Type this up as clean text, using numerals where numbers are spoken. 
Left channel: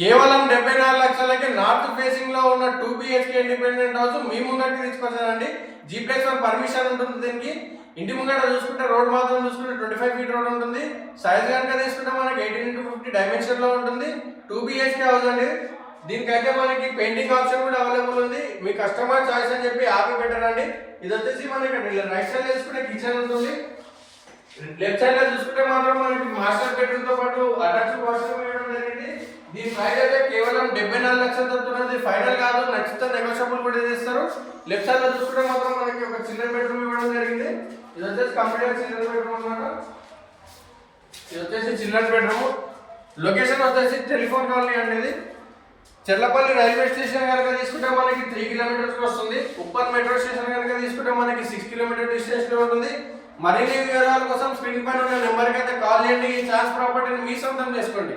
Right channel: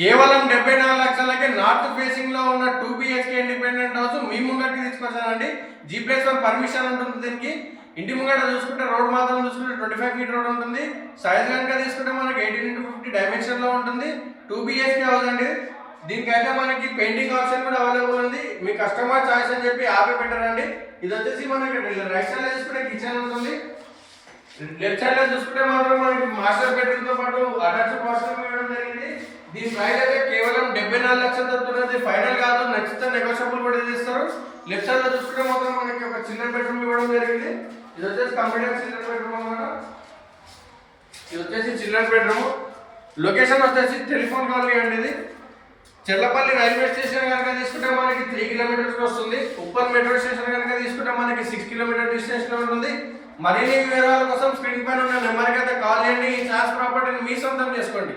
కేవలం 74 లక్షలకే north facing లో ఉన్న 2 BHK ఇండిపెండెంట్ హౌస్ మీ ముంగటికి తీసుకొచ్చానండి. G+1 పర్మిషన్ ఉంటుంది దీనికి. ఇంటి ముంగట చూసుకుంటే రోడ్ మాత్రం చూసుకుంటే 25 ఫీట్ రోడ్ ఉంటుంది. సైజ్ కనుక తీసుకుంటే మనకి 18x50 డైమెన్షన్ లో ఉంటుంది. 2 BHK హౌస్ అండి. దీనికైతే మనకి పెయింటింగ్ ఆప్షన్ కూడా అవైలబుల్ ఉంది. మీ కస్టమర్ చాయిస్ అని చెప్పి ఆపి పెట్టారండి. ఇది వచ్చేసి మనకి రైట్ సైడ్ లో చూసుకుంటే కిచెన్ ఉంటుంది. లెఫ్ట్ సైడ్ లో చూసుకుంటే మాత్రం మనకి మాస్టర్ బెడ్రూమ్ తో పాటు అటాచ్ వాష్రూమ్ ఇవ్వడం జరిగింది. దీని ప్రైస్ అయితే కేవలం 74 లక్షలు దొరుకుతున్నది. ఫైనల్ కాదు, నచ్చితే నెగోషియబుల్ కూడా చేస్తారు. లెఫ్ట్ సైడ్ లో చూసుకుంటే మాత్రం మనకి ఒక చిల్డ్రన్ బెడ్రూమ్ ఇవ్వడం జరిగింది. ఇది వచ్చేసి కంప్యూటర్ చిల్డ్రన్ బెడ్రూమ్ అన్నమాట. ఇది వచ్చేసి చిల్డ్రన్ బెడ్రూమ్. లొకేషన్ వచ్చేసి టెలిఫోన్ కాలనీ అనేది చెల్లపల్లి రైల్వే స్టేషన్ కనుక తీసుకుంటే మనకి 3 కిలోమీటర్స్ వస్తుంది. ఉప్పల్ మెట్రో స్టేషన్ కనుక తీసుకుంటే మనకి 6 కిలోమీటర్ డిస్టెన్స్ లో ఉంటుంది. మరిన్ని వివరాల కోసం స్క్రీన్ పైన ఉన్న నెంబర్కి అయితే కాల్ చేయండి. ఈ ఛాన్స్ ప్రాపర్టీని మీ సొంతం చేసుకోండి.